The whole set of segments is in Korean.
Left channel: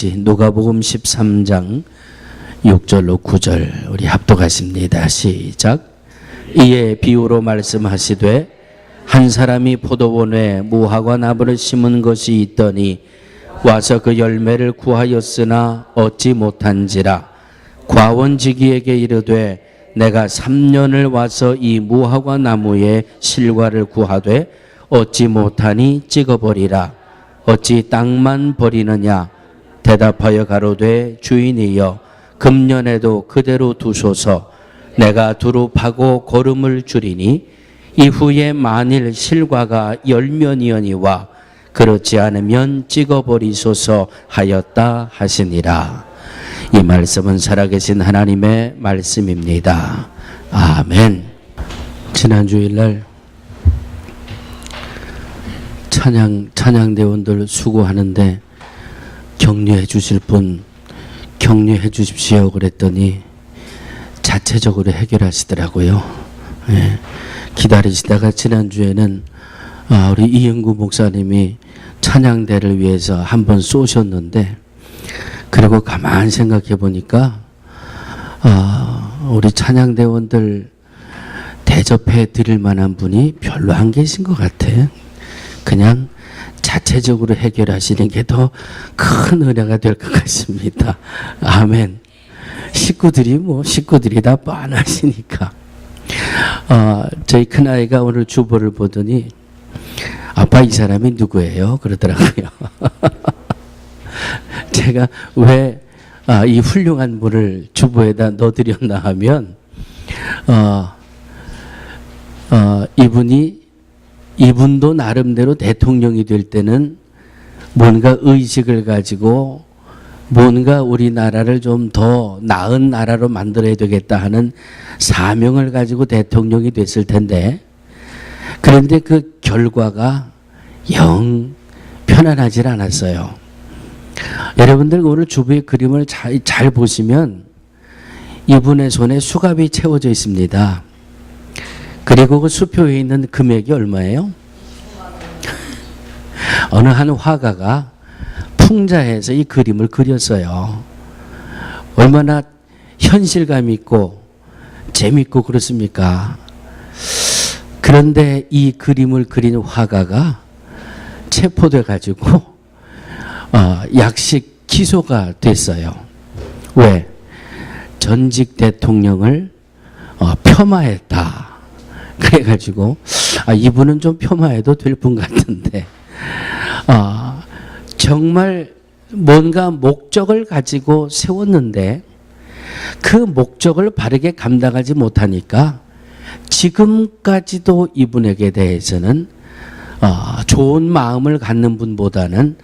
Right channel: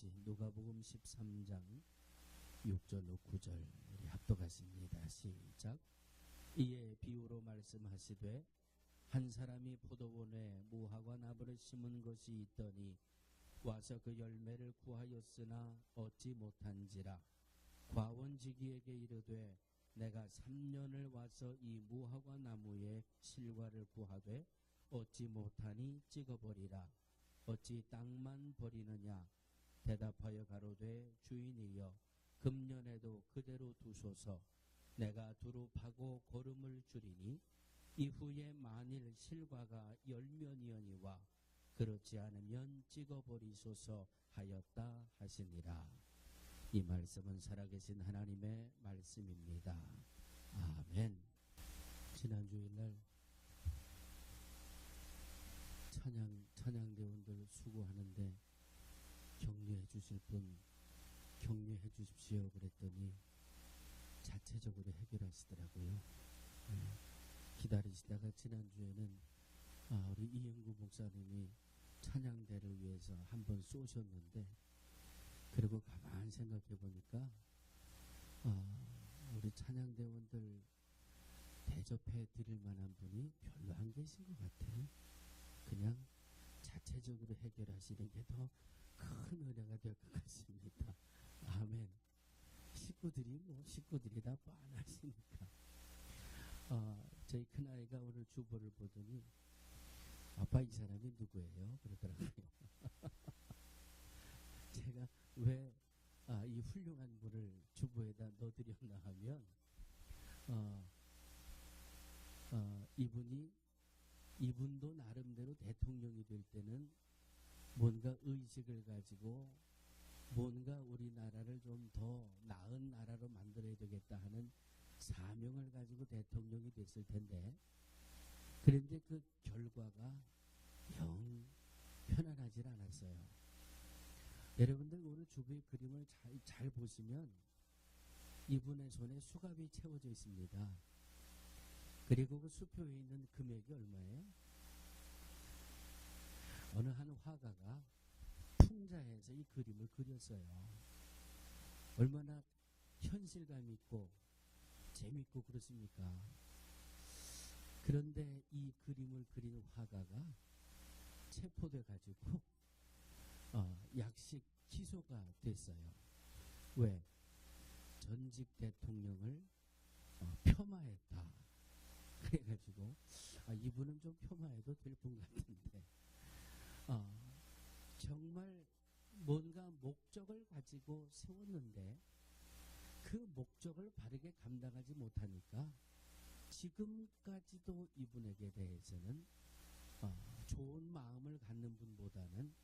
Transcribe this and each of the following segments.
누가복음 13장 6절로 9절 우리 합독하십니다. 시작. 이에 비유로 말씀하시되 한 사람이 포도원에 무화과 나무를 심은 것이 있더니 와서 그 열매를 구하였으나 얻지 못한지라. 과원지기에게 이르되 내가 3년을 와서 이 무화과 나무의 실과를 구하되 얻지 못하니 찍어버리라. 어찌 땅만 버리느냐. 대답하여 가로되 주인이여 금년에도 그대로 두소서. 내가 두루 파고 거름을 주리니 이후에 만일 실과가 열면이거니와 그렇지 않으면 찍어버리소서 하였다 하시니라. 이 말씀은 살아계신 하나님의 말씀입니다. 아멘. 지난 주일날 찬양대원들 수고하는데 격려해 주실 분 격려해 주십시오 그랬더니 자체적으로 해결하시더라고요. 예. 기다리시다가 지난주에는 우리 이영구 목사님이 찬양대를 위해서 한번 쏘셨는데, 그리고 가만히 생각해 보니까 우리 찬양대원들 대접해 드릴 만한 분이 별로 안 계신 것 같아. 그냥 자체적으로 해결하시는 게 더 큰 은혜가 될 것 같습니다. 아멘. 식구들이 다 뻔하시니까. 저희 큰아이가 오늘 주보를 보더니 아빠 이 사람이 누구예요? 그러더라고요. 제가 왜 이 훌륭한 분을 주보에다 넣어드렸나 하면 이분도 나름대로 대통령이 될 때는 뭔가 의식을 가지고 뭔가 우리나라를 좀 더 나은 나라로 만들어야 되겠다 하는 사명을 가지고 대통령이 됐을 텐데, 그런데 그 결과가 영 편안하지 않았어요. 여러분들 오늘 주부의 그림을 잘 보시면 이분의 손에 수갑이 채워져 있습니다. 그리고 그 수표에 있는 금액이 얼마예요? 어느 한 화가가 풍자해서 이 그림을 그렸어요. 얼마나 현실감 있고 재밌고 그렇습니까? 그런데 이 그림을 그린 화가가 체포돼 가지고 약식 기소가 됐어요. 왜? 전직 대통령을 폄하했다. 그래가지고 이분은 좀 폄하해도 될 분 같은데 정말 뭔가 목적을 가지고 세웠는데 그 목적을 바르게 감당하지 못하니까 지금까지도 이분에게 대해서는 좋은 마음을 갖는 분보다는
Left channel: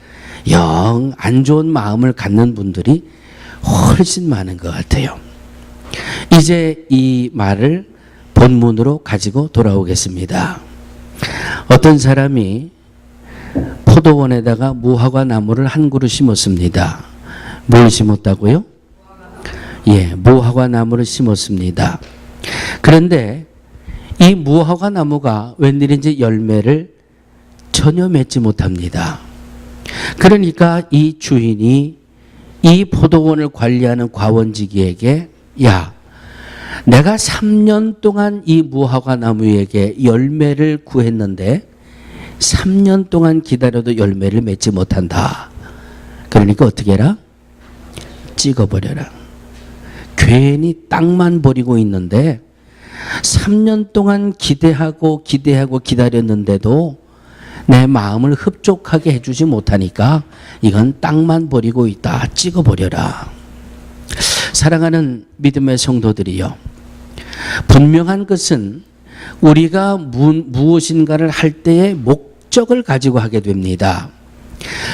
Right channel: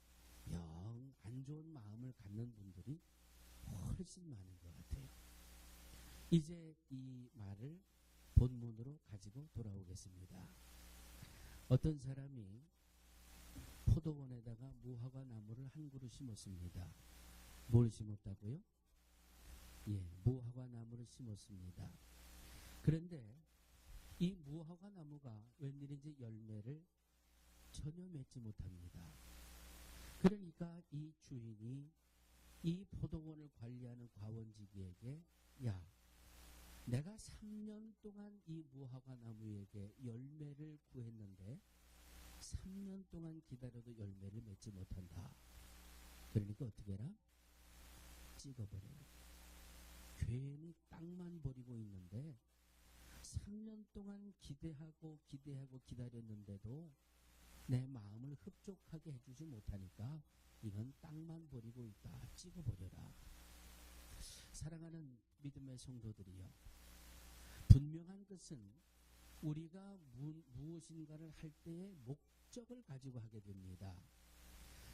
영 안 좋은 마음을 갖는 분들이 훨씬 많은 것 같아요. 이제 이 말을 본문으로 가지고 돌아오겠습니다. 어떤 사람이 포도원에다가 무화과 나무를 한 그루 심었습니다. 뭘 심었다고요? 예, 무화과 나무를 심었습니다. 그런데 이 무화과 나무가 웬일인지 열매를 전혀 맺지 못합니다. 그러니까 이 주인이 이 포도원을 관리하는 과원지기에게 야, 내가 3년 동안 이 무화과 나무에게 열매를 구했는데 3년 동안 기다려도 열매를 맺지 못한다. 그러니까 어떻게 해라? 찍어버려라. 괜히 땅만 버리고 있는데 3년 동안 기대하고 기다렸는데도 내 마음을 흡족하게 해주지 못하니까 이건 땅만 버리고 있다. 찍어버려라. 사랑하는 믿음의 성도들이요, 분명한 것은 우리가 무엇인가를 할 때의 목적을 가지고 하게 됩니다.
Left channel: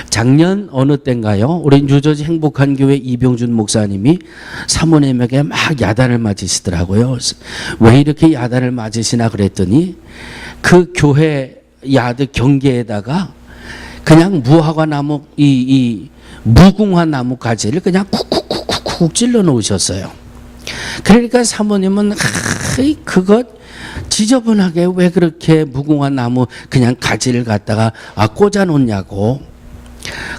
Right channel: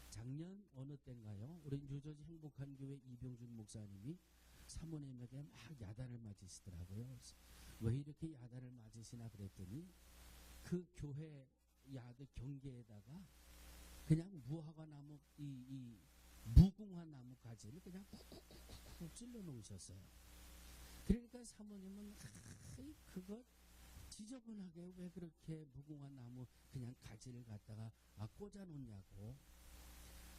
작년 어느 때인가요? 우리 뉴저지 행복한 교회 이병준 목사님이 사모님에게 막 야단을 맞으시더라고요. 왜 이렇게 야단을 맞으시나 그랬더니 그 교회 야드 경계에다가 그냥 무화과 나무 이 무궁화 나무 가지를 그냥 쿡쿡쿡쿡 찔러 놓으셨어요. 그러니까 사모님은 그것 지저분하게 왜 그렇게 무궁화 나무 그냥 가지를 갖다가 꽂아 놓냐고.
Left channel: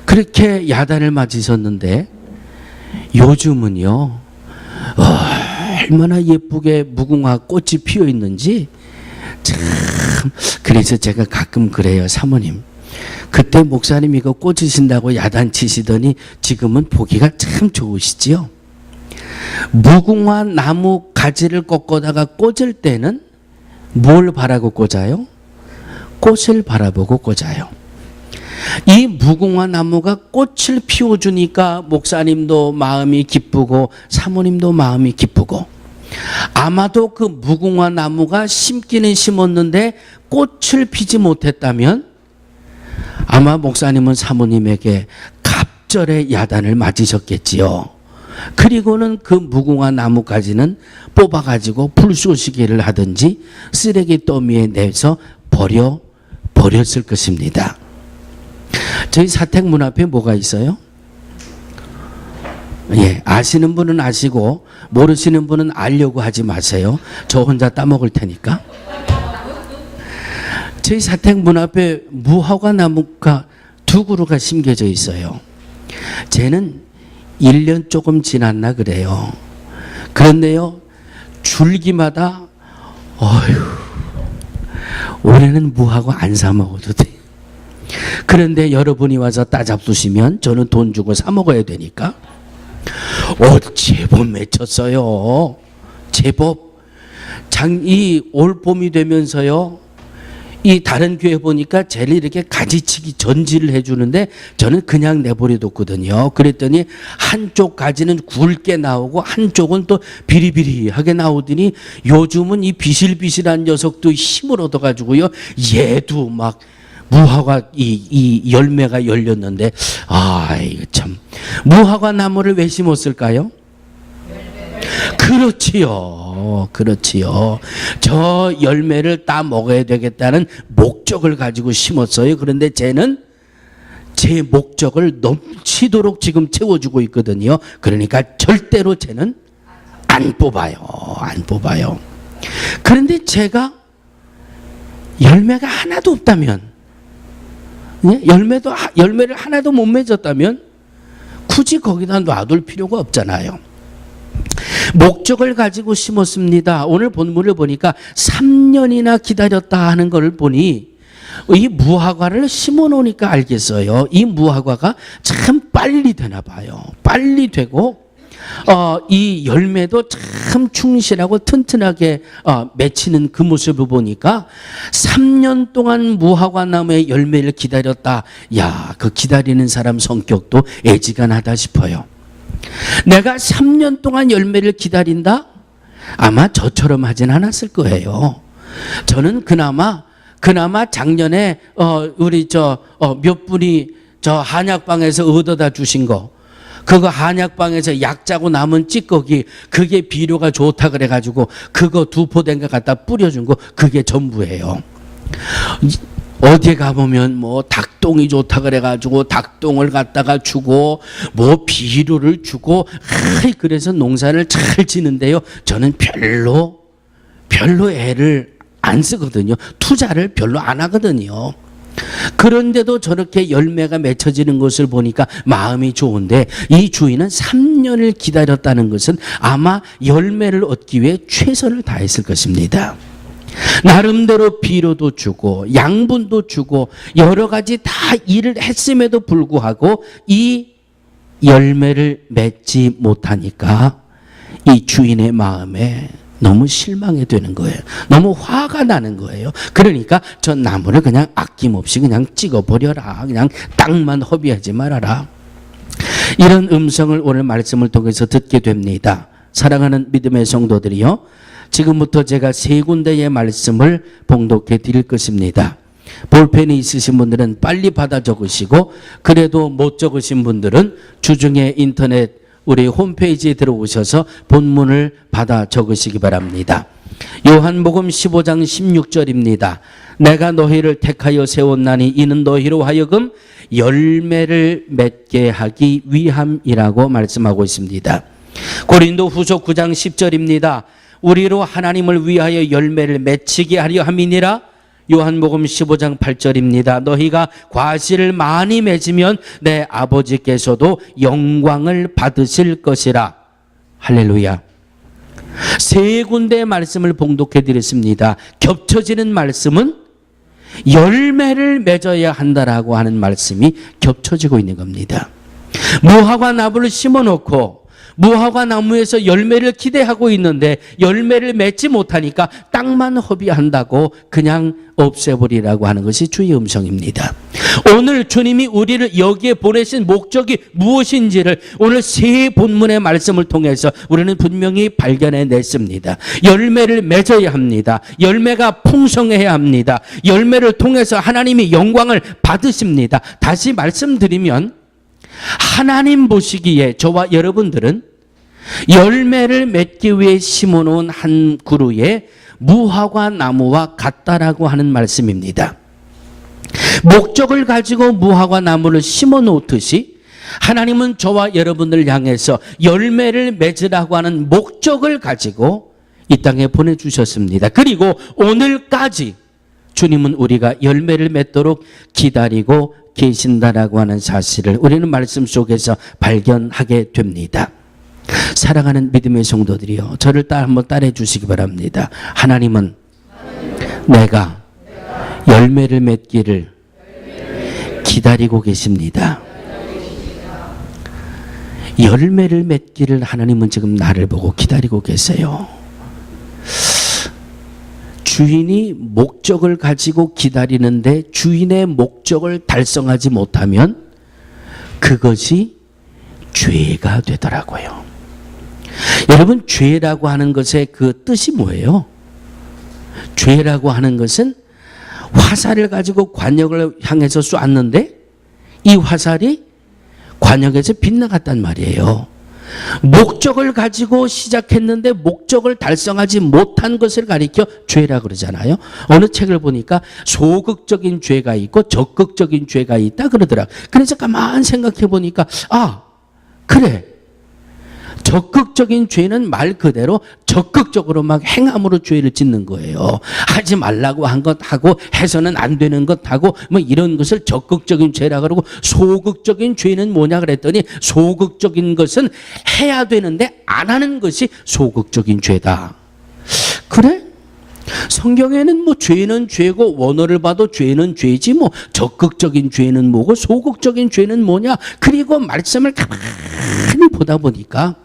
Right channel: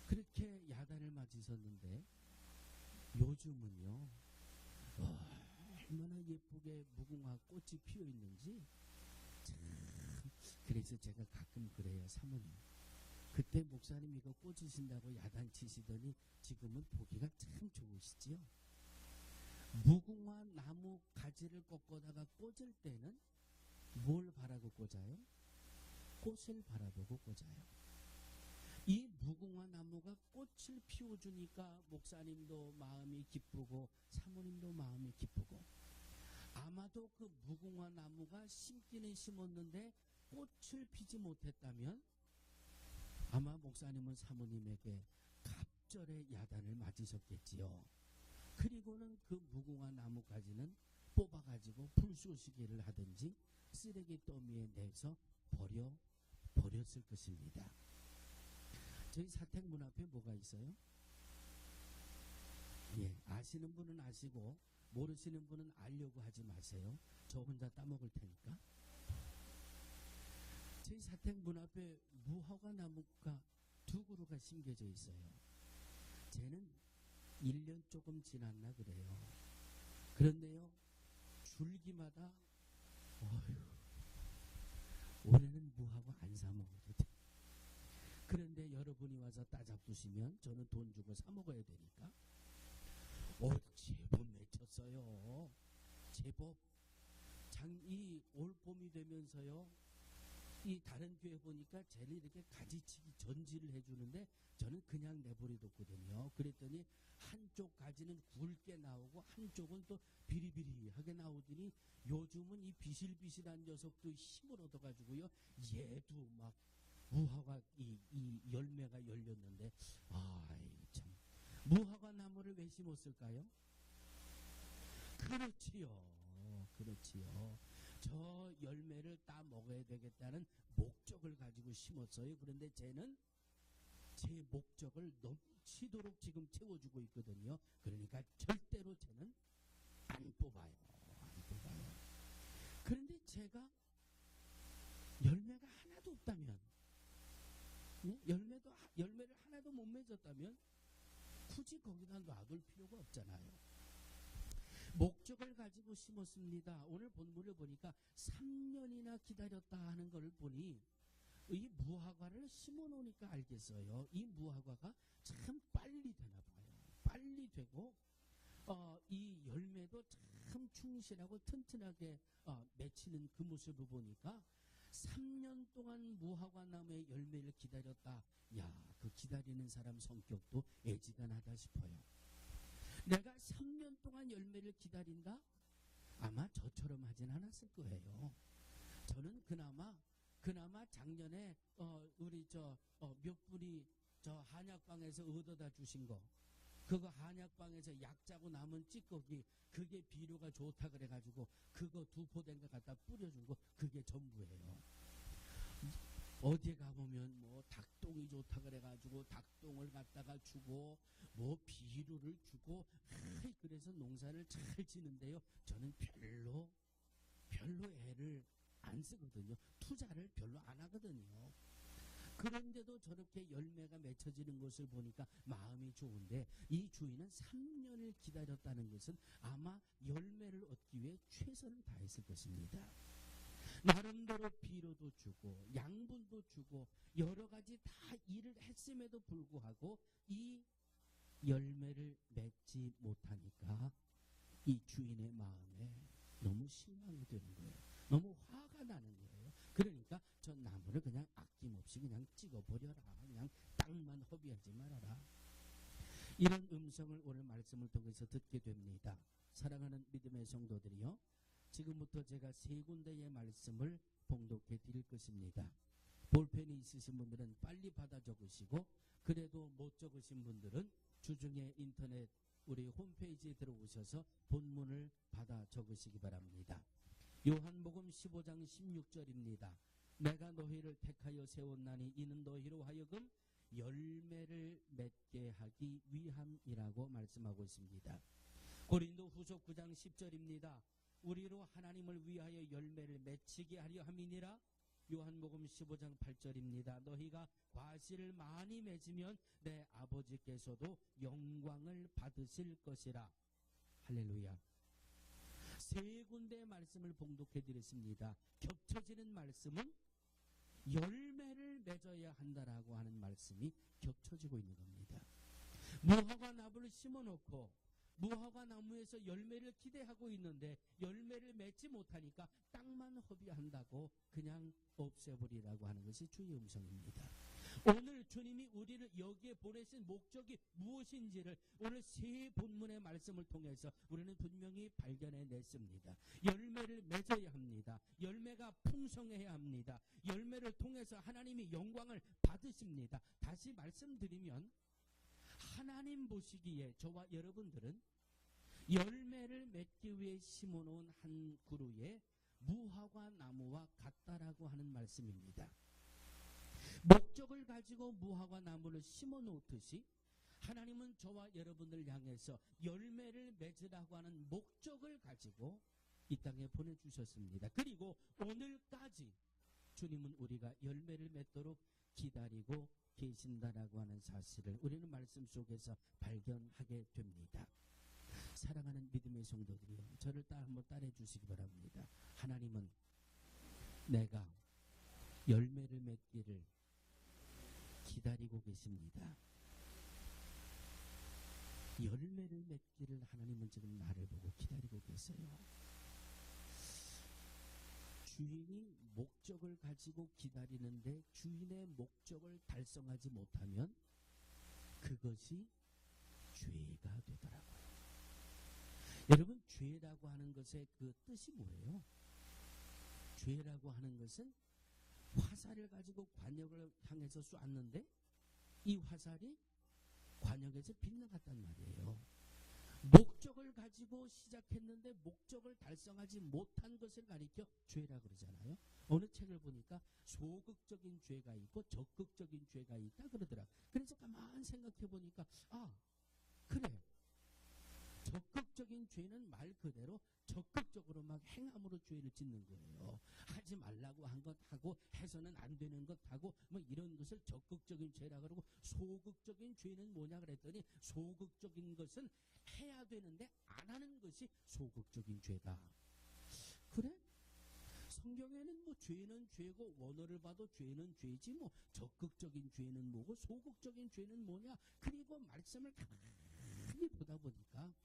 그렇게 야단을 맞으셨는데 요즘은요, 얼마나 예쁘게 무궁화 꽃이 피어 있는지 참. 그래서 제가 가끔 그래요. 사모님, 그때 목사님 이거 꽂으신다고 야단치시더니 지금은 보기가 참 좋으시지요. 무궁화 나무 가지를 꺾어다가 꽂을 때는 뭘 바라고 꽂아요? 꽃을 바라보고 꽂아요. 이 무궁화 나무가 꽃을 피워주니까 목사님도 마음이 기쁘고 사모님도 마음이 기쁘고, 아마도 그 무궁화 나무가 심기는 심었는데 꽃을 피지 못했다면 아마 목사님은 사모님에게 갑절의 야단을 맞으셨겠지요. 그리고는 그 무궁화 나무까지는 뽑아가지고 불쏘시개를 하든지 쓰레기 더미에 내서 버렸을 것입니다. 저희 사택문 앞에 뭐가 있어요? 예, 아시는 분은 아시고 모르시는 분은 알려고 하지 마세요. 저 혼자 따먹을 테니까. 저희 사택문 앞에 무화과 나무가 2그루가 심겨져 있어요. 쟤는 1년 조금 지났나 그래요. 그런데요, 줄기마다 올해는 무화과 안 사 먹어도 돼. 그런데 여러분이 와서 따잡수시면 저는 돈 주고 사 먹어야 되니까 제법 맺혔어요. 제법. 이 올 봄이 되면서요, 이 다른 교회 보니까 쟤를 이렇게 가지치기 전지를 해주는데 저는 그냥 내버려뒀거든요. 그랬더니 한쪽 가지는 굵게 나오고 한쪽은 또 비리비리하게 나오더니 요즘은 이 비실비실한 녀석도 힘을 얻어가지고요, 얘도 막 무화과 이 열매가 열렸는데, 이거 참. 무화과 나무를 왜 심었을까요? 그렇지요. 저 열매를 따 먹어야 되겠다는 목적을 가지고 심었어요. 그런데 쟤는 제 목적을 넘치도록 지금 채워주고 있거든요. 그러니까 절대로 쟤는 안 뽑아요. 그런데 제가 열매가 하나도 없다면, 열매를 하나도 못 맺었다면 굳이 거기다 놔둘 필요가 없잖아요. 목적을 가지고 심었습니다. 오늘 본문을 보니까 3년이나 기다렸다 하는 걸 보니 이 무화과를 심어 놓으니까 알겠어요. 이 무화과가 참 빨리 되나 봐요. 빨리 되고 이 열매도 참 충실하고 튼튼하게 맺히는 그 모습을 보니까 3년 동안 무화과 나무의 열매를 기다렸다. 야, 그 기다리는 사람 성격도 애지간하다 싶어요. 내가 3년 동안 열매를 기다린다? 아마 저처럼 하진 않았을 거예요. 저는 그나마 작년에 우리 몇 분이 저 한약방에서 얻어다 주신 거, 그거 한약방에서 약 짜고 남은 찌꺼기, 그게 비료가 좋다 그래가지고 그거 2포 된 거 갖다 뿌려준 거, 그게 전부예요. 어디에 가보면 뭐 닭똥이 좋다 그래가지고 닭똥을 갖다가 주고 뭐 비료를 주고, 그래서 농사를 잘 지는데요, 저는 별로 애를 안 쓰거든요. 투자를 별로 안 하거든요. 그런데도 저렇게 열매가 맺혀지는 것을 보니까 마음이 좋은데, 이 주인은 3년을 기다렸다는 것은 아마 열매를 얻기 위해 최선을 다했을 것입니다. 나름대로 비료도 주고 양분도 주고 여러 가지 다 일을 했음에도 불구하고 이 열매를 맺지 못하니까 이 주인의 마음에 너무 실망이 되는 거예요. 너무 화가 나는 거예요. 그러니까 저 나무를 그냥 아낌없이 그냥 찍어버려라. 그냥 땅만 허비하지 말아라. 이런 음성을 오늘 말씀을 통해서 듣게 됩니다. 사랑하는 믿음의 성도들이요, 지금부터 제가 3군데의 말씀을 봉독해 드릴 것입니다. 볼펜이 있으신 분들은 빨리 받아 적으시고, 그래도 못 적으신 분들은 주중에 인터넷 우리 홈페이지에 들어오셔서 본문을 받아 적으시기 바랍니다. 요한복음 15장 16절입니다. 내가 너희를 택하여 세웠나니 이는 너희로 하여금 열매를 맺게 하기 위함이라고 말씀하고 있습니다. 고린도후서 9장 10절입니다. 우리로 하나님을 위하여 열매를 맺히게 하려 함이니라. 요한복음 15장 8절입니다. 너희가 과실을 많이 맺으면 내 아버지께서도 영광을 받으실 것이라. 할렐루야. 세 군데의 말씀을 봉독해 드렸습니다. 겹쳐지는 말씀은 열매를 맺어야 한다라고 하는 말씀이 겹쳐지고 있는 겁니다. 무화과 나무를 심어놓고 무화과 나무에서 열매를 기대하고 있는데 열매를 맺지 못하니까 땅만 허비한다고 그냥 없애버리라고 하는 것이 주의 음성입니다. 오늘 주님이 우리를 여기에 보내신 목적이 무엇인지를 오늘 세 본문의 말씀을 통해서 우리는 분명히 발견해냈습니다. 열매를 맺어야 합니다. 열매가 풍성해야 합니다. 열매를 통해서 하나님이 영광을 받으십니다. 다시 말씀드리면 하나님 보시기에 저와 여러분들은 열매를 맺기 위해 심어놓은 한 그루의 무화과 나무와 같다라고 하는 말씀입니다. 목적을 가지고 무화과 나무를 심어 놓듯이 하나님은 저와 여러분을 향해서 열매를 맺으라고 하는 목적을 가지고 이 땅에 보내주셨습니다. 그리고 오늘까지 주님은 우리가 열매를 맺도록 기다리고 계신다라고 하는 사실을 우리는 말씀 속에서 발견하게 됩니다. 사랑하는 믿음의 성도들이요, 저를 한번 따라해 주시기 바랍니다. 하나님은 내가 열매를 맺기를 기다리고 계십니다. 열매를 맺기를 하나님은 지금 나를 보고 기다리고 계세요. 주인이 목적을 가지고 기다리는데 주인의 목적을 달성하지 못하면 그것이 죄가 되더라고요. 여러분, 죄라고 하는 것의 그 뜻이 뭐예요? 죄라고 하는 것은 화살을 가지고 관역을 향해서 쏘았는데 이 화살이 관역에서 빗나갔단 말이에요. 목적을 가지고 시작했는데 목적을 달성하지 못한 것을 가리켜 죄라 그러잖아요. 어느 책을 보니까 소극적인 죄가 있고 적극적인 죄가 있다 그러더라고요. 그래서 가만 생각해 보니까 그래, 적극적인 죄는 말 그대로 적극적으로 막 행함으로 죄를 짓는 거예요. 하지 말라고 한 것 하고 해서는 안 되는 것 하고 뭐 이런 것을 적극적인 죄라 그러고, 소극적인 죄는 뭐냐 그랬더니 소극적인 것은 해야 되는데 안 하는 것이 소극적인 죄다. 그래? 성경에는 뭐 죄는 죄고 원어를 봐도 죄는 죄지 뭐 적극적인 죄는 뭐고 소극적인 죄는 뭐냐. 그리고 말씀을 가만히 보다 보니까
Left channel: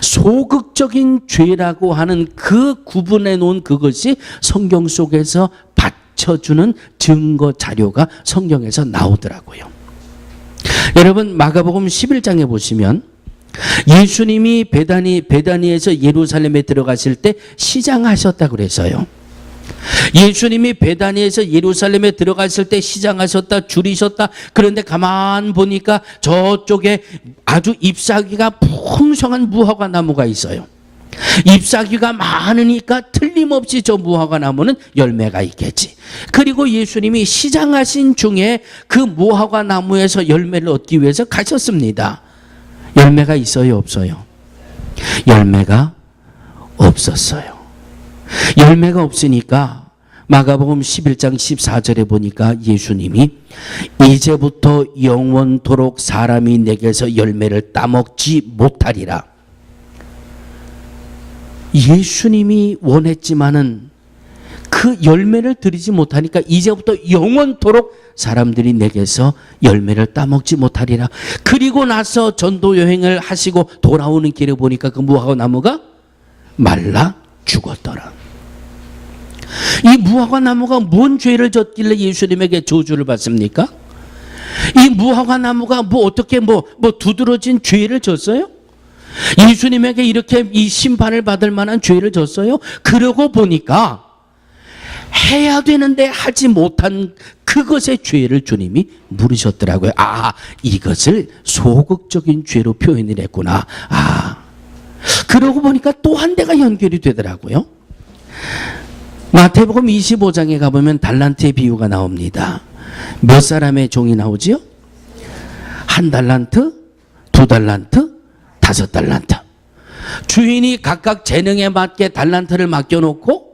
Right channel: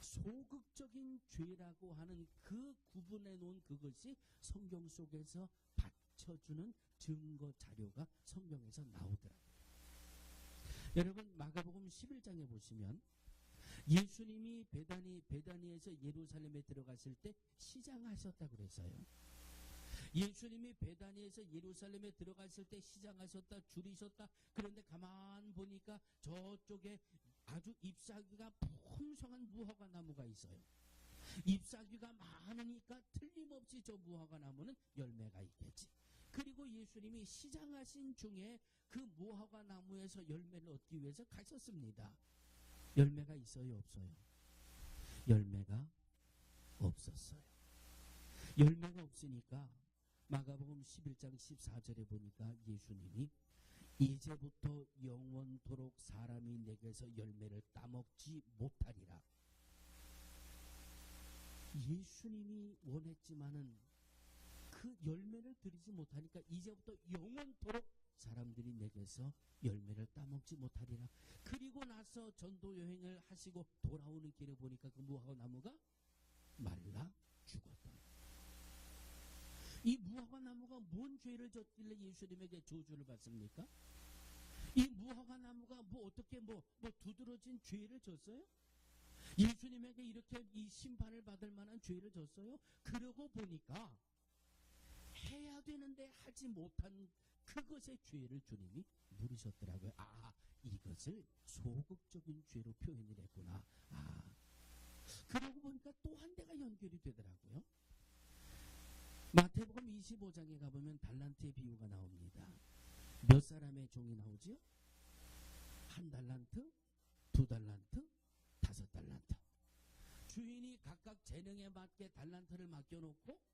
소극적인 죄라고 하는 그 구분해 놓은 그것이 성경 속에서 받쳐주는 증거 자료가 성경에서 나오더라고요. 여러분, 마가복음 11장에 보시면 예수님이 베다니에서 예루살렘에 들어가실 때 시장하셨다 그래서요. 예수님이 베다니에서 예루살렘에 들어갔을 때 시장하셨다, 줄이셨다. 그런데 가만 보니까 저쪽에 아주 잎사귀가 풍성한 무화과 나무가 있어요. 잎사귀가 많으니까 틀림없이 저 무화과 나무는 열매가 있겠지. 그리고 예수님이 시장하신 중에 그 무화과 나무에서 열매를 얻기 위해서 가셨습니다. 열매가 있어요, 없어요? 열매가 없었어요. 열매가 없으니까 마가복음 11장 14절에 보니까 예수님이 이제부터 영원토록 사람이 내게서 열매를 따먹지 못하리라. 예수님이 원했지만은 그 열매를 드리지 못하니까 이제부터 영원토록 사람들이 내게서 열매를 따먹지 못하리라. 그리고 나서 전도 여행을 하시고 돌아오는 길에 보니까 그 무화과 나무가 말라 죽었더라. 이 무화과 나무가 뭔 죄를 졌길래 예수님에게 저주를 받습니까? 이 무화과 나무가 어떻게 두드러진 죄를 졌어요? 예수님에게 이렇게 이 심판을 받을 만한 죄를 졌어요? 그러고 보니까 해야 되는데 하지 못한 그것의 죄를 주님이 물으셨더라고요. 이것을 소극적인 죄로 표현을 했구나. 그러고 보니까 또 한 대가 연결이 되더라고요. 마태복음 25장에 가보면 달란트의 비유가 나옵니다. 몇 사람의 종이 나오지요? 1달란트, 2달란트, 5달란트. 주인이 각각 재능에 맞게 달란트를 맡겨놓고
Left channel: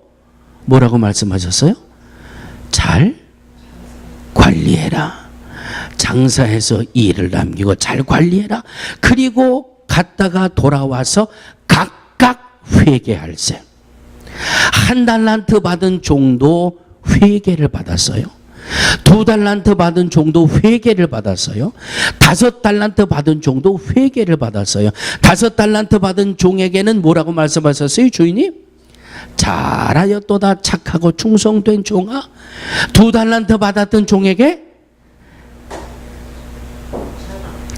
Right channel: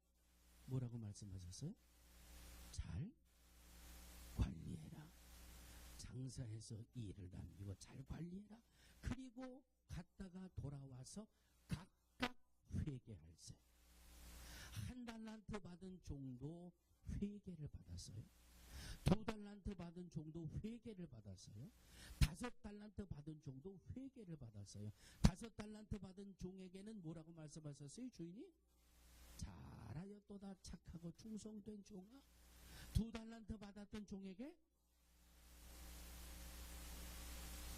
뭐라고 말씀하셨어요? 잘 관리해라. 장사해서 일을 남기고 잘 관리해라. 그리고 갔다가 돌아와서 각각 회개할세. 1달란트 받은 종도 회개를 받았어요. 2달란트 받은 종도 회개를 받았어요. 5달란트 받은 종도 회개를 받았어요. 5달란트 받은 종에게는 뭐라고 말씀하셨어요? 주인이 잘하였도다 착하고 충성된 종아. 2달란트 받았던 종에게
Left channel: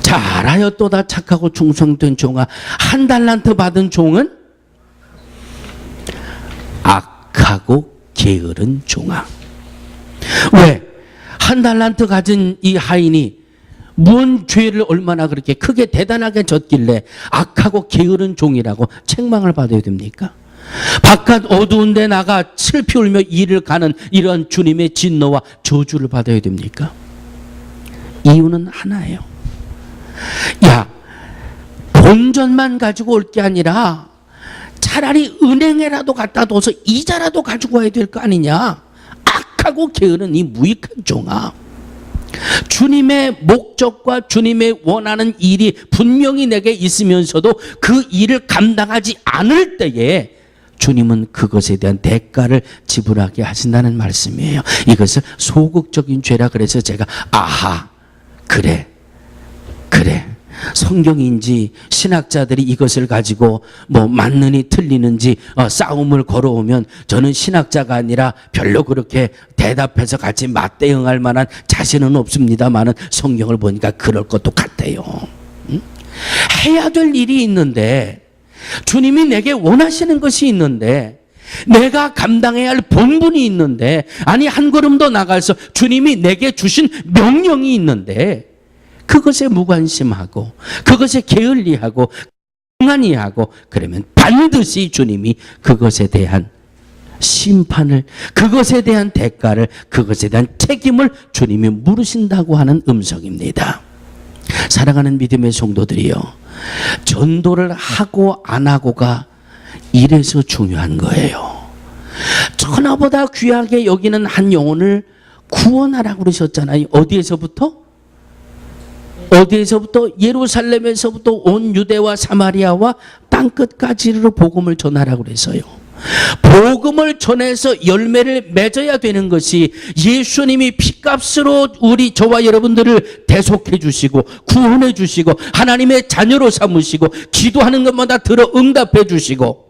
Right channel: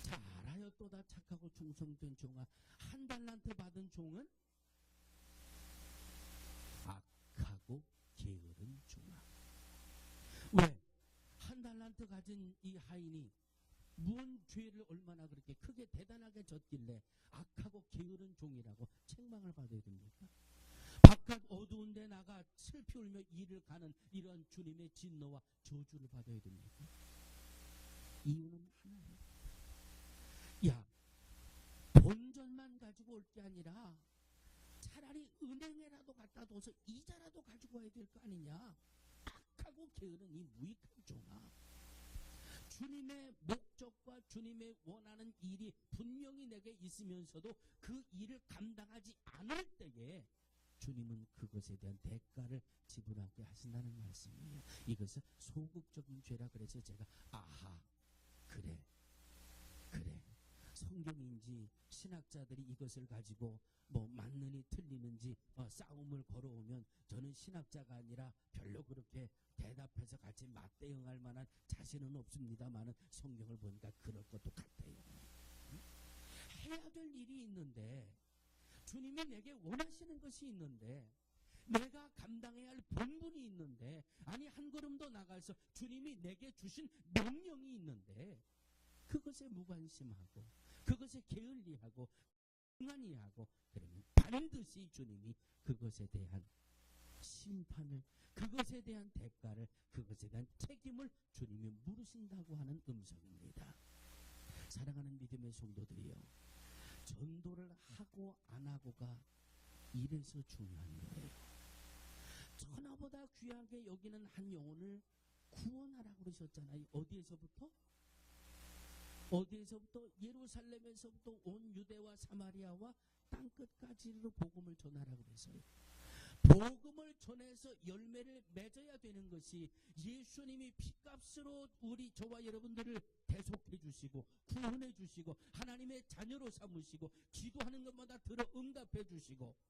잘하였도다 착하고 충성된 종아. 1달란트 받은 종은 악하고 게으른 종아. 왜? 1달란트 가진 이 하인이 뭔 죄를 얼마나 그렇게 크게 대단하게 졌길래 악하고 게으른 종이라고 책망을 받아야 됩니까? 바깥 어두운 데 나가 슬피 울며 일을 가는 이런 주님의 진노와 저주를 받아야 됩니까? 이유는 하나예요. 야, 본전만 가지고 올 게 아니라 차라리 은행에라도 갖다 둬서 이자라도 가지고 와야 될 거 아니냐. 악하고 게으른 이 무익한 종아. 주님의 목적과 주님의 원하는 일이 분명히 내게 있으면서도 그 일을 감당하지 않을 때에 주님은 그것에 대한 대가를 지불하게 하신다는 말씀이에요. 이것을 소극적인 죄라 그래서 제가 아하, 그래 성경인지 신학자들이 이것을 가지고 뭐 맞느니 틀리는지 싸움을 걸어오면 저는 신학자가 아니라 별로 그렇게 대답해서 같이 맞대응할 만한 자신은 없습니다만은 성경을 보니까 그럴 것도 같아요. 해야 될 일이 있는데, 주님이 내게 원하시는 것이 있는데, 내가 감당해야 할 본분이 있는데, 아니 한 걸음 더 나가서 주님이 내게 주신 명령이 있는데 그것에 무관심하고 그것에 게을리하고 강하니 하고 그러면 반드시 주님이 그것에 대한 심판을, 그것에 대한 대가를, 그것에 대한 책임을 주님이 물으신다고 하는 음성입니다. 사랑하는 믿음의 성도들이요, 전도를 하고 안 하고가 이래서 중요한 거예요. 천하보다 귀하게 여기는 한 영혼을 구원하라고 그러셨잖아요. 어디에서부터? 예루살렘에서부터 온 유대와 사마리아와 땅끝까지로 복음을 전하라고 그래서요. 복음을 전해서 열매를 맺어야 되는 것이 예수님이 핏값으로 우리 저와 여러분들을 대속해 주시고 구원해 주시고 하나님의 자녀로 삼으시고 기도하는 것마다 들어 응답해 주시고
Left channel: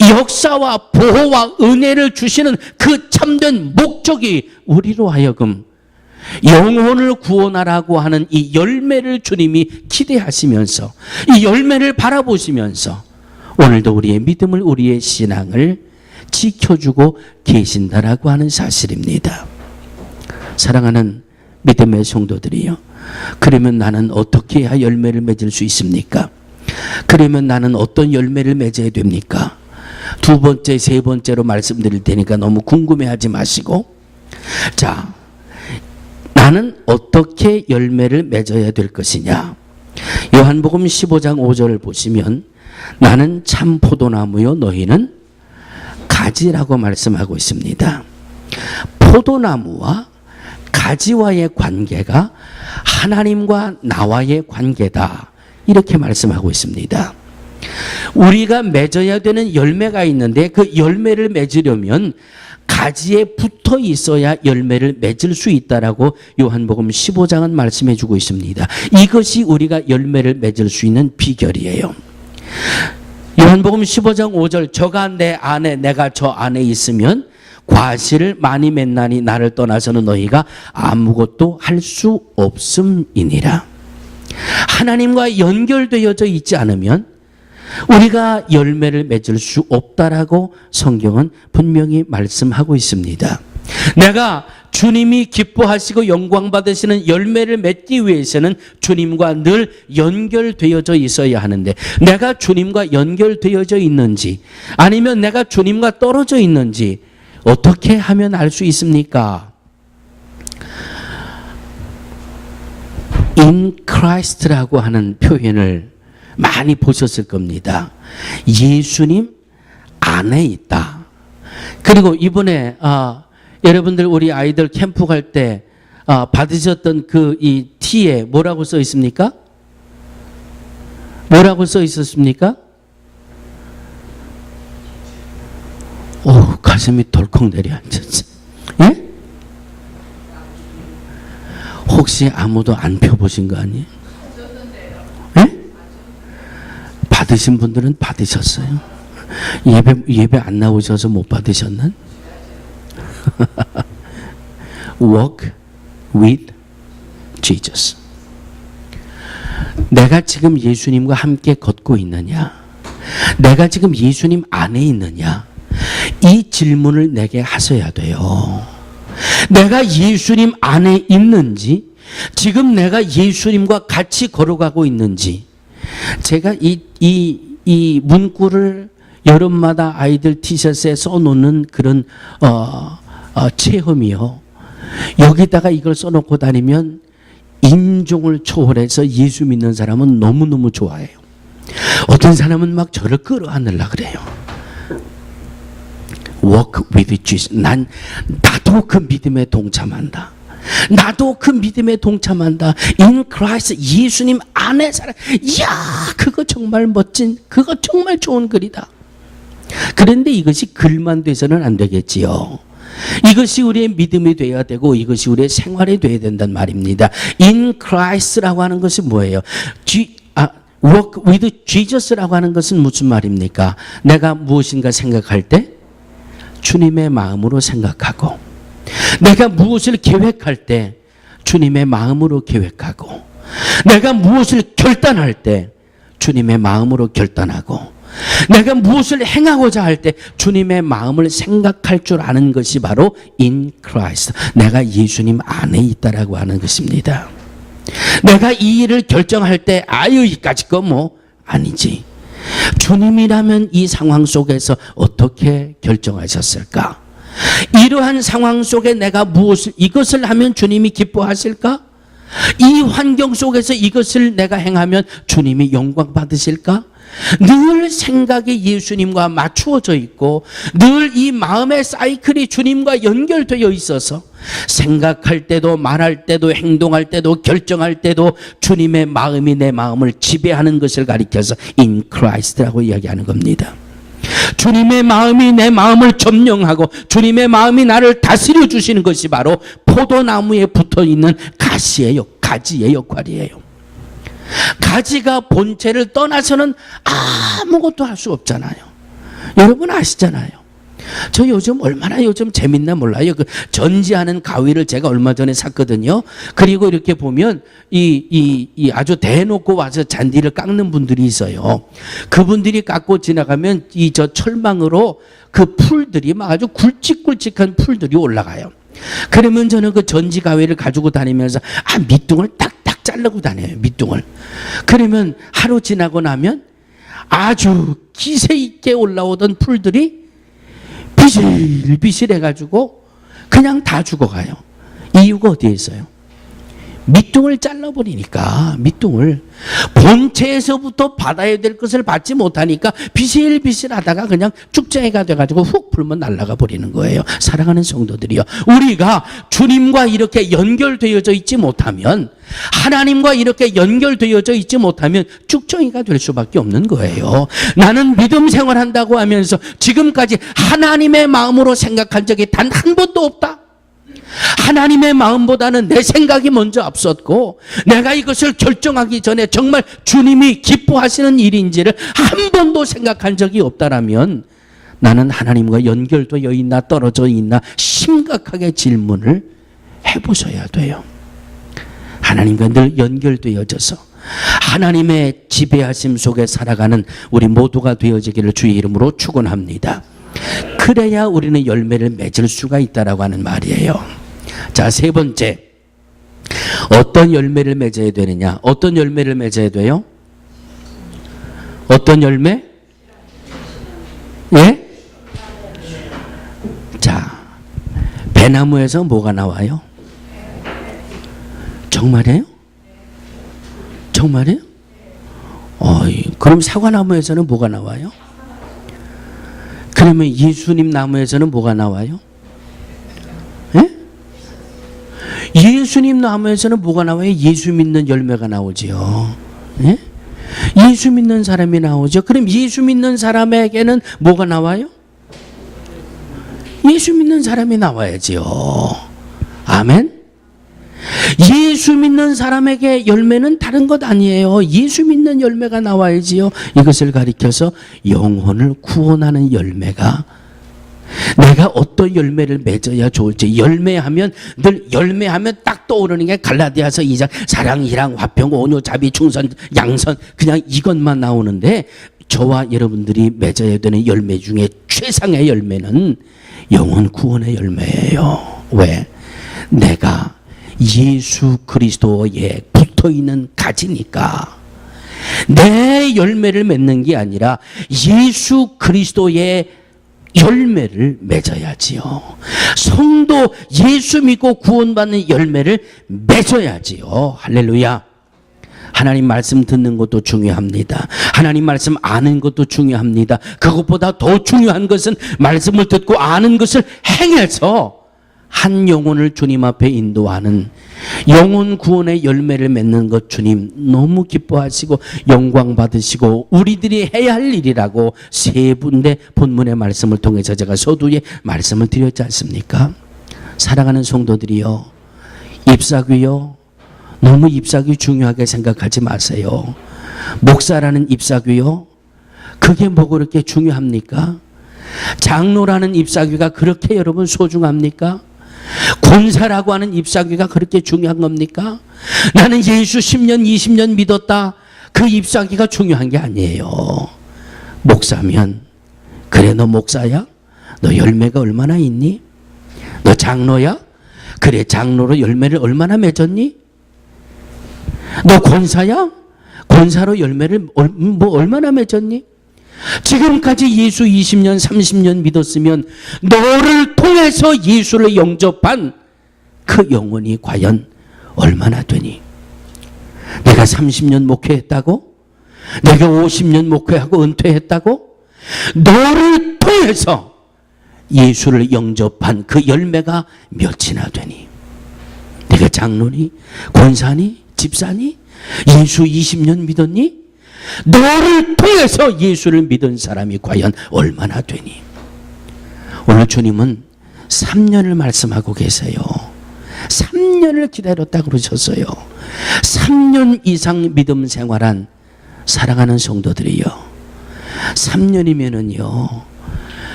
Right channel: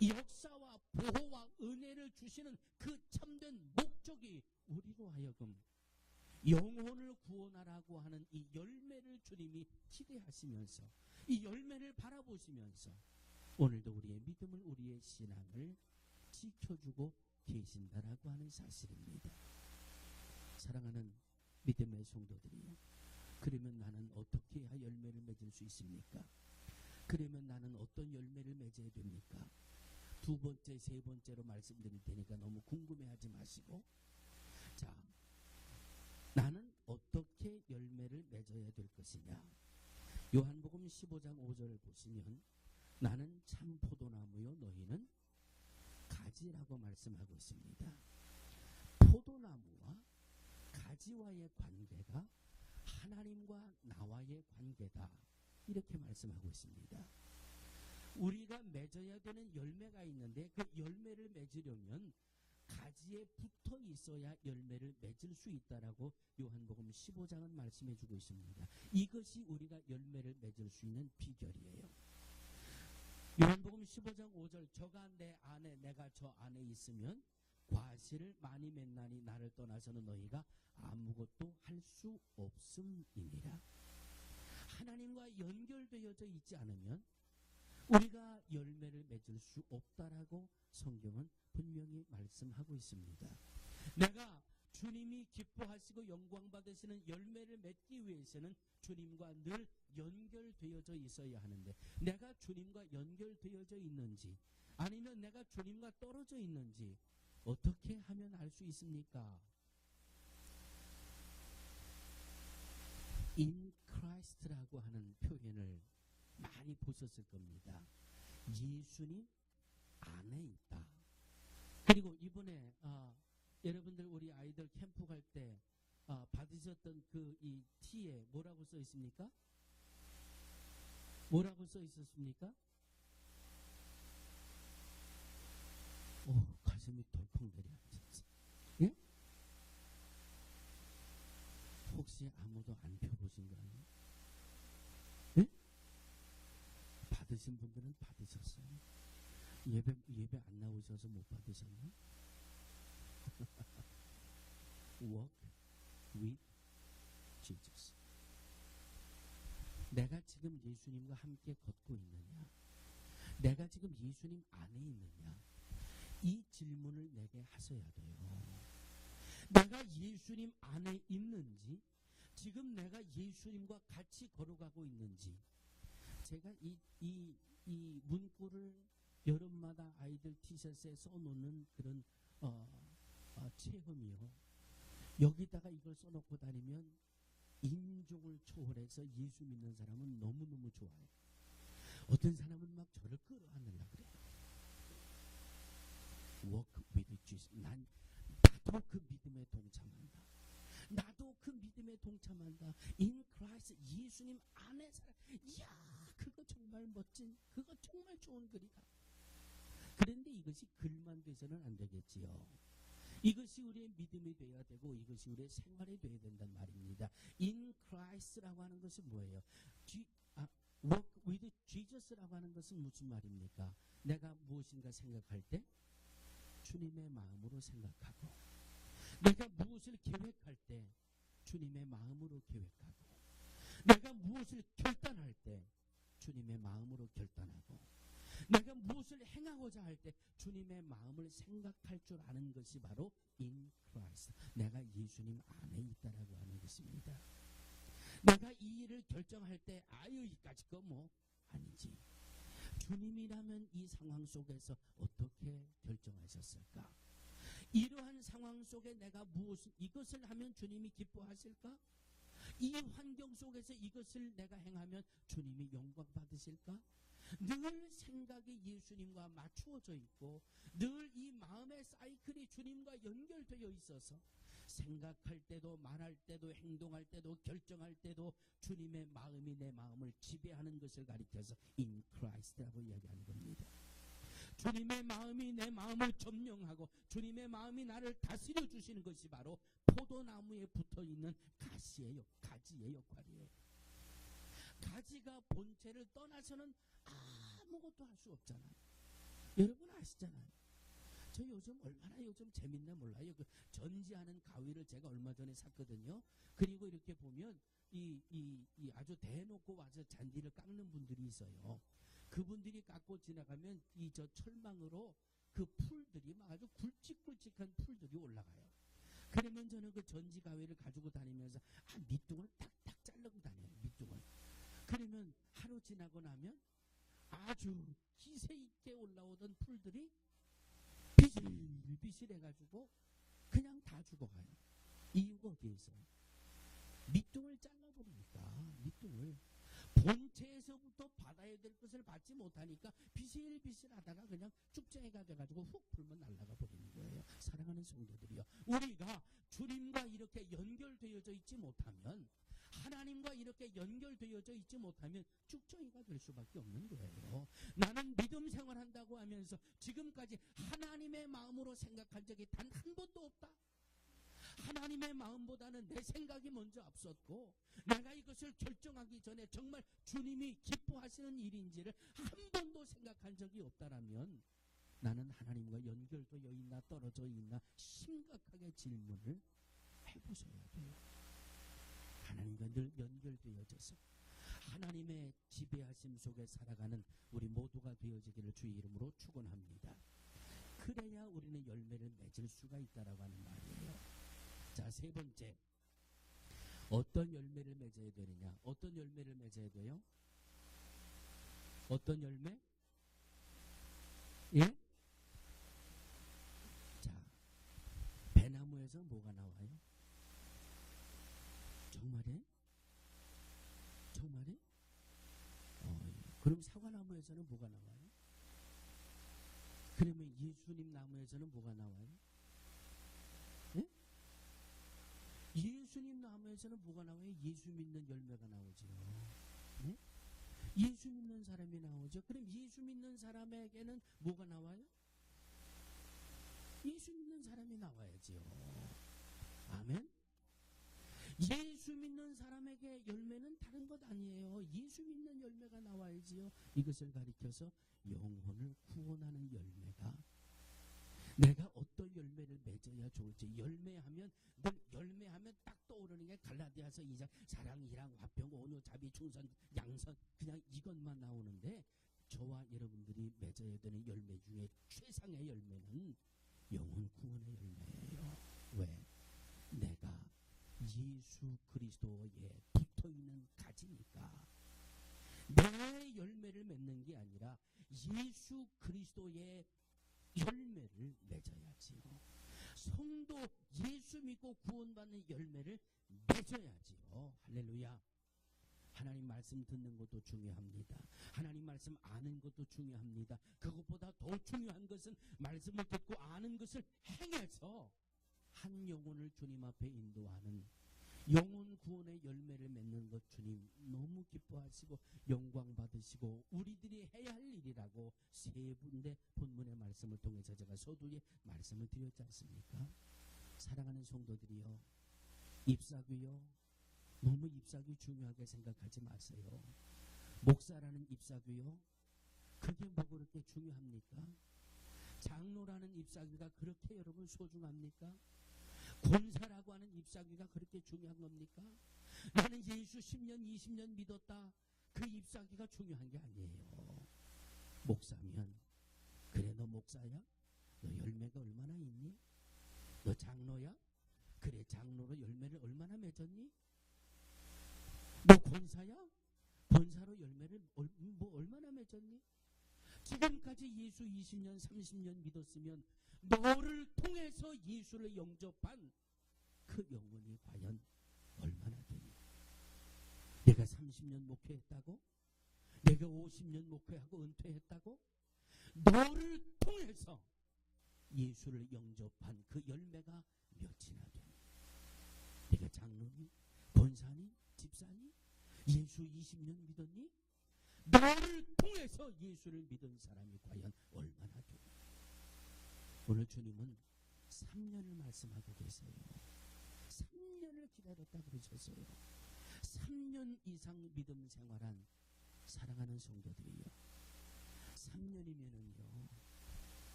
역사와 보호와 은혜를 주시는 그 참된 목적이 우리로 하여금 영혼을 구원하라고 하는 이 열매를 주님이 기대하시면서 이 열매를 바라보시면서 오늘도 우리의 믿음을, 우리의 신앙을 지켜주고 계신다라고 하는 사실입니다. 사랑하는 믿음의 성도들이요, 그러면 나는 어떻게 해야 열매를 맺을 수 있습니까? 그러면 나는 어떤 열매를 맺어야 됩니까? 2번째, 3번째로 말씀드릴 테니까 너무 궁금해하지 마시고, 자, 나는 어떻게 열매를 맺어야 될 것이냐? 요한복음 15장 5절을 보시면 나는 참 포도나무요 너희는 가지라고 말씀하고 있습니다. 포도나무와 가지와의 관계가 하나님과 나와의 관계다, 이렇게 말씀하고 있습니다. 우리가 맺어야 되는 열매가 있는데 그 열매를 맺으려면 가지에 붙어 있어야 열매를 맺을 수 있다라고 요한복음 15장은 말씀해 주고 있습니다. 이것이 우리가 열매를 맺을 수 있는 비결이에요. 요한복음 15장 5절, 저가 내 안에 내가 저 안에 있으면 과실을 많이 맺나니 나를 떠나서는 너희가 아무것도 할 수 없음이니라. 하나님과 연결되어져 있지 않으면 우리가 열매를 맺을 수 없다라고 성경은 분명히 말씀하고 있습니다. 내가 주님이 기뻐하시고 영광 받으시는 열매를 맺기 위해서는 주님과 늘 연결되어져 있어야 하는데, 내가 주님과 연결되어져 있는지 아니면 내가 주님과 떨어져 있는지 어떻게 하면 알 수 있습니까? In Christ라고 하는 표현을 많이 보셨을 겁니다. 예수님 안에 있다. 그리고 이번에 여러분들 우리 아이들 캠프 갈 때 받으셨던 그 이 티에 뭐라고 써 있습니까? 뭐라고 써 있었습니까? 오, 가슴이 덜컥 내려앉았지. 예? 혹시 아무도 안 펴보신 거 아니에요? 예? 받으신 분들은 받으셨어요. 예배 안 나오셔서 못 받으셨나? Walk with Jesus. 내가 지금 예수님과 함께 걷고 있느냐? 내가 지금 예수님 안에 있느냐? 이 질문을 내게 하셔야 돼요. 내가 예수님 안에 있는지, 지금 내가 예수님과 같이 걸어가고 있는지. 제가 이 문구를 여름마다 아이들 티셔츠에 써놓는 그런 체험이요. 여기다가 이걸 써놓고 다니면 인종을 초월해서 예수 믿는 사람은 너무너무 좋아해요. 어떤 사람은 막 저를 끌어안으려고 그래요. Walk with Jesus. 나도 그 믿음에 동참한다. 나도 그 믿음에 동참한다. In Christ, 예수님 안에 살아. 이야, 그거 정말 멋진, 그거 정말 좋은 글이다. 그런데 이것이 글만 돼서는 안 되겠지요. 이것이 우리의 믿음이 되어야 되고 이것이 우리의 생활이 되어야 된단 말입니다. In Christ라고 하는 것이 뭐예요? Walk with Jesus라고 하는 것은 무슨 말입니까? 내가 무엇인가 생각할 때 주님의 마음으로 생각하고, 내가 무엇을 계획할 때 주님의 마음으로 계획하고, 내가 무엇을 결단할 때 주님의 마음으로 결단하고, 내가 무엇을 행하고자 할 때 주님의 마음을 생각할 줄 아는 것이 바로 in Christ. 내가 예수님 안에 있다라고 하는 것입니다. 내가 이 일을 결정할 때 이까짓 거 뭐 아니지. 주님이라면 이 상황 속에서 어떻게 결정하셨을까? 이러한 상황 속에 내가 이것을 하면 주님이 기뻐하실까? 이 환경 속에서 이것을 내가 행하면 주님이 영광 받으실까? 늘 생각이 예수님과 맞추어져 있고 늘 이 마음의 사이클이 주님과 연결되어 있어서 생각할 때도 말할 때도 행동할 때도 결정할 때도 주님의 마음이 내 마음을 지배하는 것을 가리켜서 in Christ라고 이야기하는 겁니다. 주님의 마음이 내 마음을 점령하고 주님의 마음이 나를 다스려 주시는 것이 바로 포도나무에 붙어있는 가지의 역할이에요. 가지가 본체를 떠나서는 아무것도 할 수 없잖아요. 여러분 아시잖아요. 저 얼마나 재밌나 몰라요. 그 전지하는 가위를 제가 얼마 전에 샀거든요. 그리고 이렇게 보면 이 아주 대놓고 와서 잔디를 깎는 분들이 있어요. 그분들이 깎고 지나가면 저 철망으로 그 풀들이 막 아주 굵직굵직한 풀들이 올라가요. 그러면 저는 그 전지 가위를 가지고 다니면서 밑둥을 딱딱 자르고 다녀요. 밑둥을. 그러면 하루 지나고 나면 아주 기세 있게 올라오던 풀들이 비실비실해가지고 그냥 다 죽어가요. 이유가 어디에 있어요? 밑둥을 잘라버리니까. 밑둥을 본체에서부터 받아야 될 것을 받지 못하니까 비실비실하다가 그냥 쭉쟁이가 돼가지고 훅 불면 날아가 버리는 거예요. 사랑하는 성도들이요, 우리가 주님과 이렇게 연결되어져 있지 못하면, 하나님과 이렇게 연결되어져 있지 못하면 쭉정이가 될 수밖에 없는 거예요. 나는 믿음 생활한다고 하면서 지금까지 하나님의 마음으로 생각한 적이 단 한 번도 없다. 하나님의 마음보다는 내 생각이 먼저 앞섰고 내가 이것을 결정하기 전에 정말 주님이 기뻐하시는 일인지를 한 번도 생각한 적이 없다라면 나는 하나님과 연결되어 있나 떨어져 있나 심각하게 질문을 해보셔야 돼요. 하나님과 늘 연결되어져서 하나님의 지배하심 속에 살아가는 우리 모두가 되어지기를 주의 이름으로 축원합니다. 그래야 우리는 열매를 맺을 수가 있다라고 하는 말이에요. 자, 세 번째, 어떤 열매를 맺어야 되느냐? 어떤 열매를 맺어야 돼요? 어떤 열매? 예? 자, 배나무에서 뭐가 나와요? 정말이에요? 정말이에요? 그럼 사과나무에서는 뭐가 나와요? 그러면 예수님 나무에서는 뭐가 나와요? 예? 예수님 나무에서는 뭐가 나와요? 예수 믿는 열매가 나오지요. 예? 예수 믿는 사람이 나오죠. 그럼 예수 믿는 사람에게는 뭐가 나와요? 예수 믿는 사람이 나와야지요. 아멘. 예수 믿는 사람에게 열매는 다른 것 아니에요. 예수 믿는 열매가 나와야지요. 이것을 가리켜서 영혼을 구원하는 열매가, 내가 어떤 열매를 맺어야 좋을지. 열매하면 늘 열매하면 딱 떠오르는 게 갈라디아서 2장 사랑, 희랑, 화평, 온유, 자비, 충성, 양선, 그냥 이것만 나오는데, 저와 여러분들이 맺어야 되는 열매 중에 최상의 열매는 영혼 구원의 열매예요. 왜? 내가 예수 그리스도에 붙어있는 가지니까. 내 열매를 맺는 게 아니라 예수 그리스도의 열매를 맺어야지요. 성도 예수 믿고 구원받는 열매를 맺어야지요. 할렐루야. 하나님 말씀 듣는 것도 중요합니다. 하나님 말씀 아는 것도 중요합니다. 그것보다 더 중요한 것은 말씀을 듣고 아는 것을 행해서 한 영혼을 주님 앞에 인도하는 영혼 구원의 열매를 맺는 것, 주님 너무 기뻐하시고 영광 받으시고 우리들이 해야 할 일이라고 세 군데 본문의 말씀을 통해서 제가 서두에 말씀을 드렸지 않습니까? 사랑하는 성도들이요, 잎사귀요, 너무 잎사귀 중요하게 생각하지 마세요. 목사라는 잎사귀요, 그게 뭐 그렇게 중요합니까? 장로라는 잎사귀가 그렇게 여러분 소중합니까? 권사라고 하는 잎사귀가 그렇게 중요한 겁니까? 나는 예수 10년 20년 믿었다, 그 잎사귀가 중요한 게 아니에요. 목사면, 그래 너 목사야? 너 열매가 얼마나 있니? 너 장로야? 그래 장로로 열매를 얼마나 맺었니? 너 권사야? 권사로 열매를 얼마나 맺었니? 지금까지 예수 20년 30년 믿었으면 너를 통해서 예수를 영접한 그 영혼이 과연 얼마나 되니? 내가 30년 목회했다고? 내가 50년 목회하고 은퇴했다고? 너를 통해서 예수를 영접한 그 열매가 몇이나 되니? 내가 장로니? 권사니? 집사니? 예수 20년 믿었니? 너를 통해서 예수를 믿은 사람이 과연 얼마나 되니? 오늘 주님은 3년을 말씀하고 계세요. 3년을 기다렸다 그러셨어요. 3년 이상 믿음 생활한 사랑하는 성도들이요, 3년이면은요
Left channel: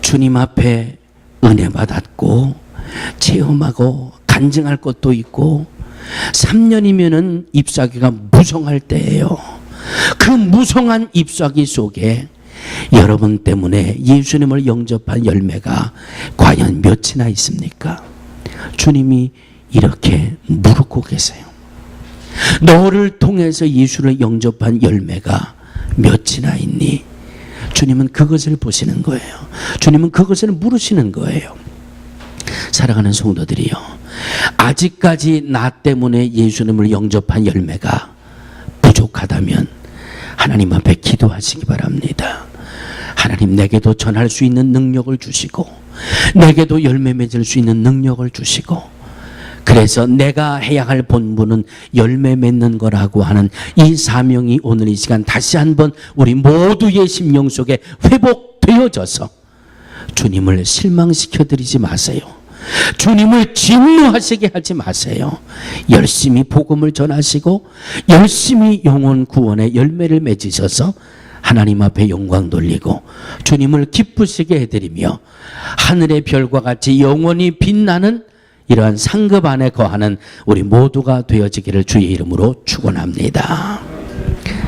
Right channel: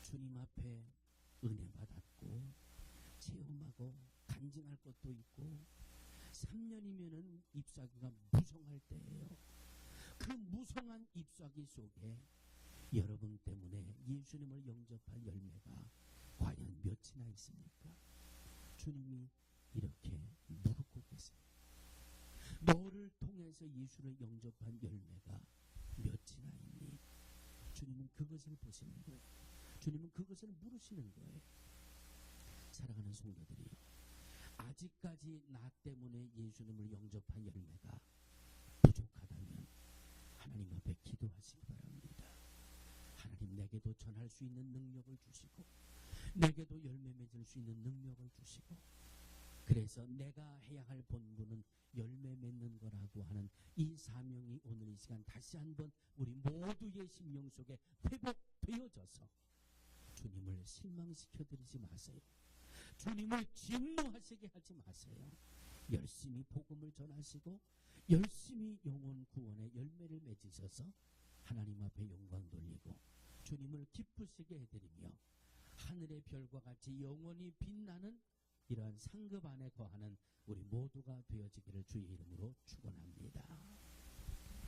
주님 앞에 은혜 받았고 체험하고 간증할 것도 있고, 3년이면은 잎사귀가 무성할 때예요. 그 무성한 잎사귀 속에 여러분 때문에 예수님을 영접한 열매가 과연 몇이나 있습니까? 주님이 이렇게 물고 계세요. 너를 통해서 예수를 영접한 열매가 몇이나 있니? 주님은 그것을 보시는 거예요. 주님은 그것을 물으시는 거예요. 사랑하는 성도들이요, 아직까지 나 때문에 예수님을 영접한 열매가 부족하다면 하나님 앞에 기도하시기 바랍니다. 하나님, 내게도 전할 수 있는 능력을 주시고 내게도 열매 맺을 수 있는 능력을 주시고, 그래서 내가 해야 할 본분은 열매 맺는 거라고 하는 이 사명이 오늘 이 시간 다시 한번 우리 모두의 심령 속에 회복되어져서 주님을 실망시켜드리지 마세요. 주님을 진노하시게 하지 마세요. 열심히 복음을 전하시고 열심히 영혼 구원의 열매를 맺으셔서 하나님 앞에 영광 돌리고 주님을 기쁘시게 해드리며 하늘의 별과 같이 영원히 빛나는 이러한 상급 안에 거하는 우리 모두가 되어지기를 주의 이름으로 축원합니다.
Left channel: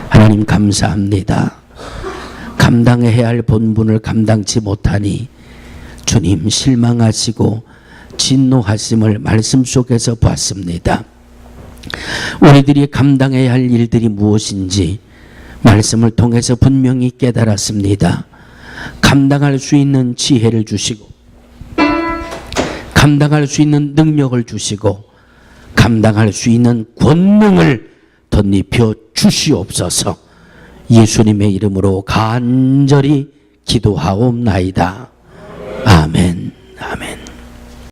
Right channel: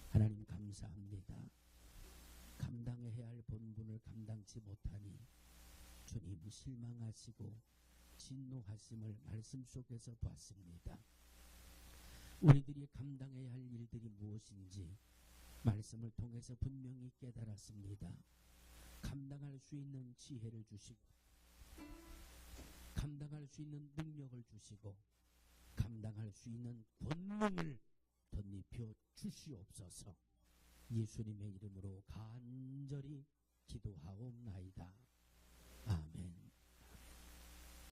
하나님 감사합니다. 감당해야 할 본분을 감당치 못하니 주님 실망하시고 진노하심을 말씀 속에서 봤습니다. 우리들이 감당해야 할 일들이 무엇인지 말씀을 통해서 분명히 깨달았습니다. 감당할 수 있는 지혜를 주시고 감당할 수 있는 능력을 주시고 감당할 수 있는 권능을 덧입혀 주시옵소서. 예수님의 이름으로 간절히 기도하옵나이다. 아멘. 아멘.